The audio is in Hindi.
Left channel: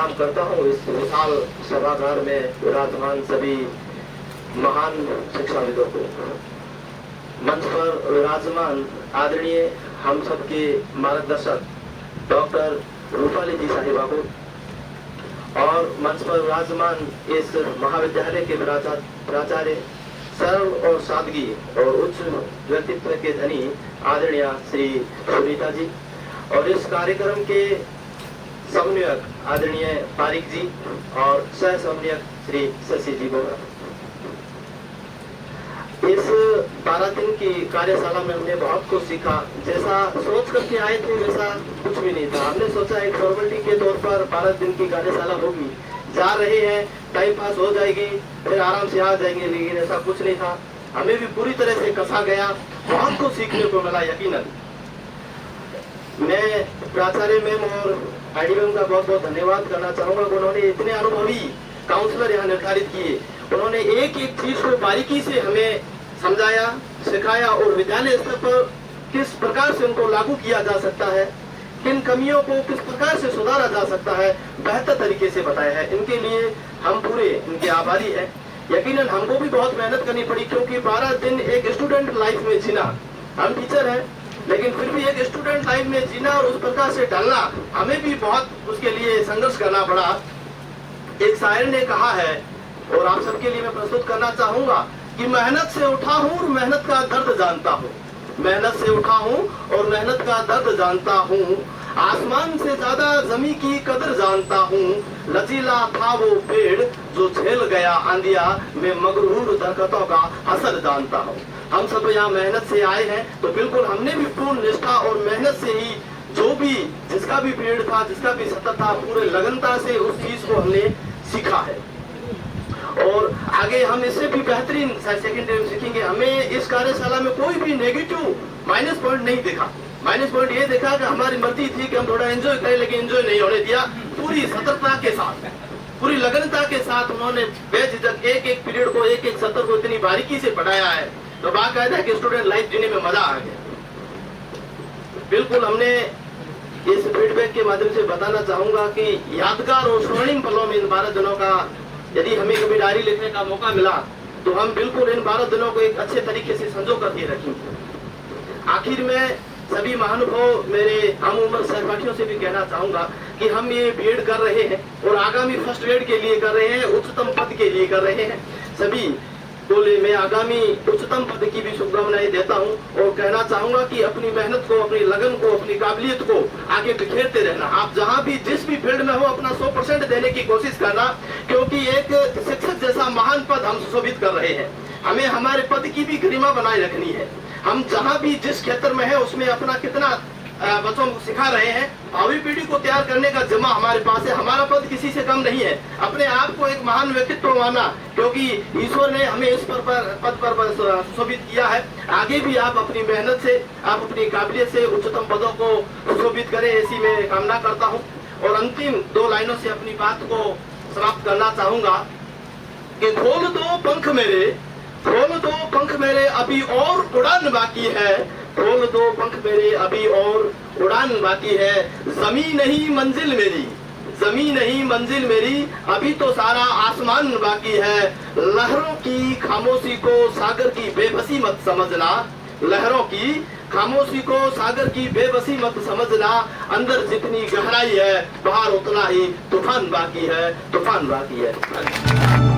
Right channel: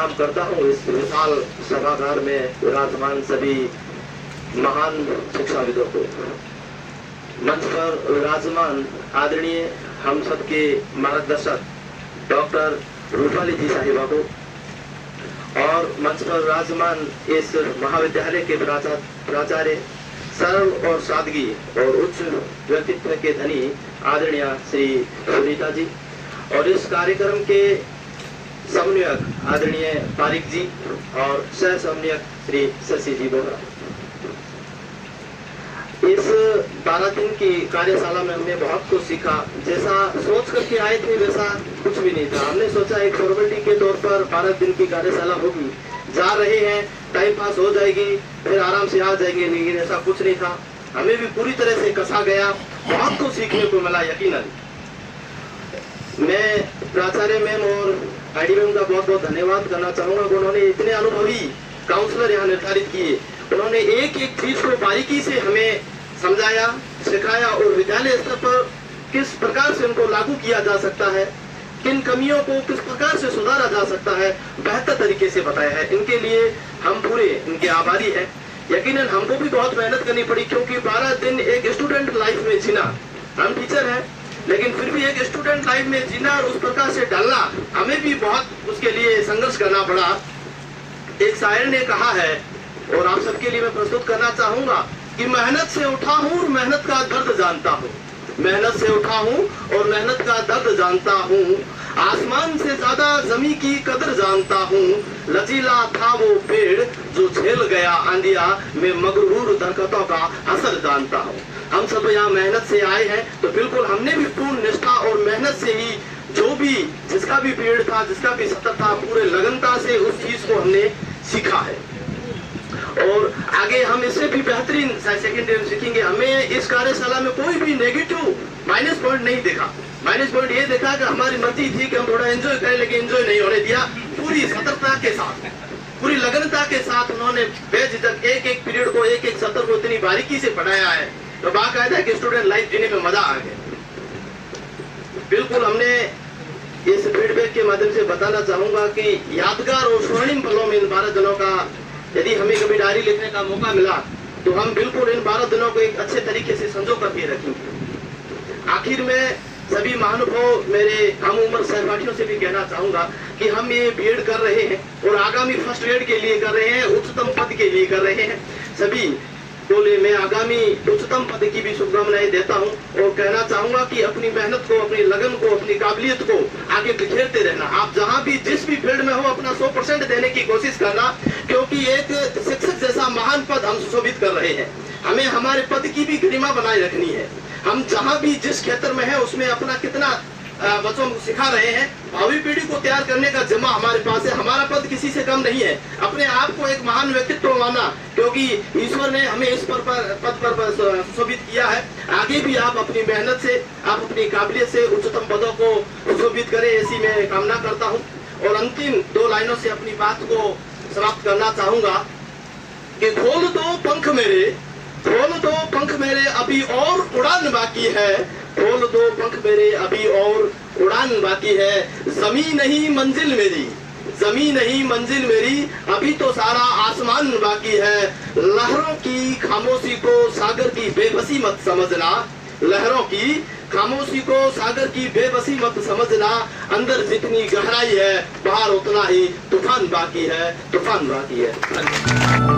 प्रणाम करता हूँ इस विशाल सभागार में विराजमान सभी महान शिक्षाविदों को। मंच पर विराजमान आदरणीय हम सबके मार्गदर्शक डॉक्टर रूपाली जी साहिबा को और मंच पर विराजमान इस महाविद्यालय के प्राचार्य सरल और सादगी और उच्च व्यक्तित्व के धनी आदरणीय श्री सुनीता जी और इस कार्यक्रम के समन्वयक आदरणीय पारिक जी और सह समन्वयक श्री शशि जी बोहरा। इस 12 दिन की कार्यशाला में हमने बहुत कुछ सीखा। जैसा सोच करके आए थे वैसा कुछ भी नहीं था। हमने सोचा एक फॉर्मेलिटी के तौर पर 12 दिन की कार्यशाला होगी, जा रहे हैं, टाइम पास हो जाएगी, फिर आराम से आ जाएंगे, लेकिन ऐसा कुछ नहीं था। हमें भी पूरी तरह से कसा गया, बहुत कुछ सीखने को मिला यकीनन। मैं प्राचार्य मैम और आईडी मैम का बहुत बहुत धन्यवाद करना चाहूंगा। उन्होंने इतने अनुभवी काउंसलर यहाँ निर्धारित किए, उन्होंने एक एक चीज को बारीकी से हमें समझाया, सिखाया और विद्यालय स्तर पर किस प्रकार से उनको लागू किया जा सकता है, किन कमियों को किस प्रकार से सुधारा जा सकता है, बेहतर तरीके से बताया है। इनके लिए हम पूरे इनके आभारी हैं। यकीनन हमको भी बहुत मेहनत करनी पड़ी, क्योंकि 12 दिन एक स्टूडेंट लाइफ में जीना, हम टीचर हैं लेकिन फिर भी एक स्टूडेंट लाइफ में जीना और उस प्रकार से ढलना, हमें भी बहुत उसके लिए संघर्ष करना पड़ा। एक शायर ने कहा है और आप सबके लिए मैं प्रस्तुत करना चाहूंगा कि मेहनत से उठा हूँ, मेहनत का दर्द जानता हूँ। मेहनत से उठा हूँ और मेहनत का दर्द जानता हूँ। आसमान से ज्यादा जमी की कदर जानता हूँ। लचीला था वो पेड़ जो झेल गया आंधिया, मैं मगरूर दरख्तों का असर जानता हूँ। हम सब यहाँ मेहनत से आए हैं, तो बिल्कुल हमने भी पूर्ण निष्ठा और मेहनत से ही जो भी जिसका भी पीरियड था, जिसका भी सत्र था, पूरे लगनता से उस चीज को हमने सीखा है और आगे हम इससे भी बेहतरीन सेकेंड ईयर सीखेंगे। हमें इस कार्यशाला में कोई भी नेगेटिव माइनस पॉइंट नहीं देखा। माइनस पॉइंट ये देखा कि हमारी मर्जी थी कि हम थोड़ा एंजॉय करें, लेकिन एंजॉय नहीं होने दिया। पूरी सतर्कता के साथ, पूरी लगनता के साथ उन्होंने बेझिझक एक एक पीरियड को, एक एक सत्र को इतनी बारीकी से पढ़ाया है, तो बाकायदा कि स्टूडेंट लाइफ जीने में मजा आ गया। बिल्कुल हमने इस फीडबैक के माध्यम से बताना चाहूंगा कि यादगार और स्वर्णिम पलों में इन 12 दिनों का यदि हमें कभी डायरी लिखने का मौका मिला तो हम बिल्कुल इन 12 दिनों को एक अच्छे तरीके से संजो करके रखेंगे। आखिर में सभी महानुभाव मेरे हम उम्र सहपाठियों से भी कहना चाहूंगा कि हम ये बीएड कर रहे हैं और आगामी फर्स्ट ग्रेड के लिए कर रहे हैं, उच्चतम पद के लिए कर रहे हैं। सभी बोले मैं आगामी उच्चतम पद की भी शुभकामनाएं देता हूं और कहना चाहूंगा कि अपनी मेहनत को, अपनी लगन को, अपनी काबिलियत को आगे बिखेरते रहना। आप जहां भी जिस भी फील्ड में हो अपना 100% देने की कोशिश करना, क्योंकि एक शिक्षक जैसा महान पद हम सुशोभित कर रहे हैं। हमें हमारे पद की भी गरिमा बनाए रखनी है। हम जहां भी जिस क्षेत्र में है उसमें अपना कितना बच्चों को सिखा रहे हैं। भावी पीढ़ी को तैयार करने का जिम्मा हमारे पास है। हमारा पद किसी से कम नहीं है। अपने आप को एक महान व्यक्तित्व माना, क्योंकि ईश्वर ने हमें इस पद पर सुशोभित किया है। आगे भी आप अपनी मेहनत से, आप अपनी काबिलियत से उच्चतम पदों को सुशोभित करें, ऐसी मैं कामना करता हूँ। और अंतिम 2 लाइनों से अपनी बात को समाप्त करना चाहूंगा कि खोल दो पंख मेरे, खोल दो पंख मेरे, अभी और उड़ान बाकी है। खोल दो पंख मेरे, अभी और उड़ान बाकी है। जमीन नहीं मंजिल मेरी, जमीन नहीं मंजिल मेरी, अभी तो सारा आसमान बाकी है। लहरों की खामोशी को सागर की बेबसी मत समझना, लहरों की खामोशी को सागर की बेबसी मत समझना। अंदर जितनी गहराई है बाहर उतना ही तूफान बाकी है, तूफान बाकी है।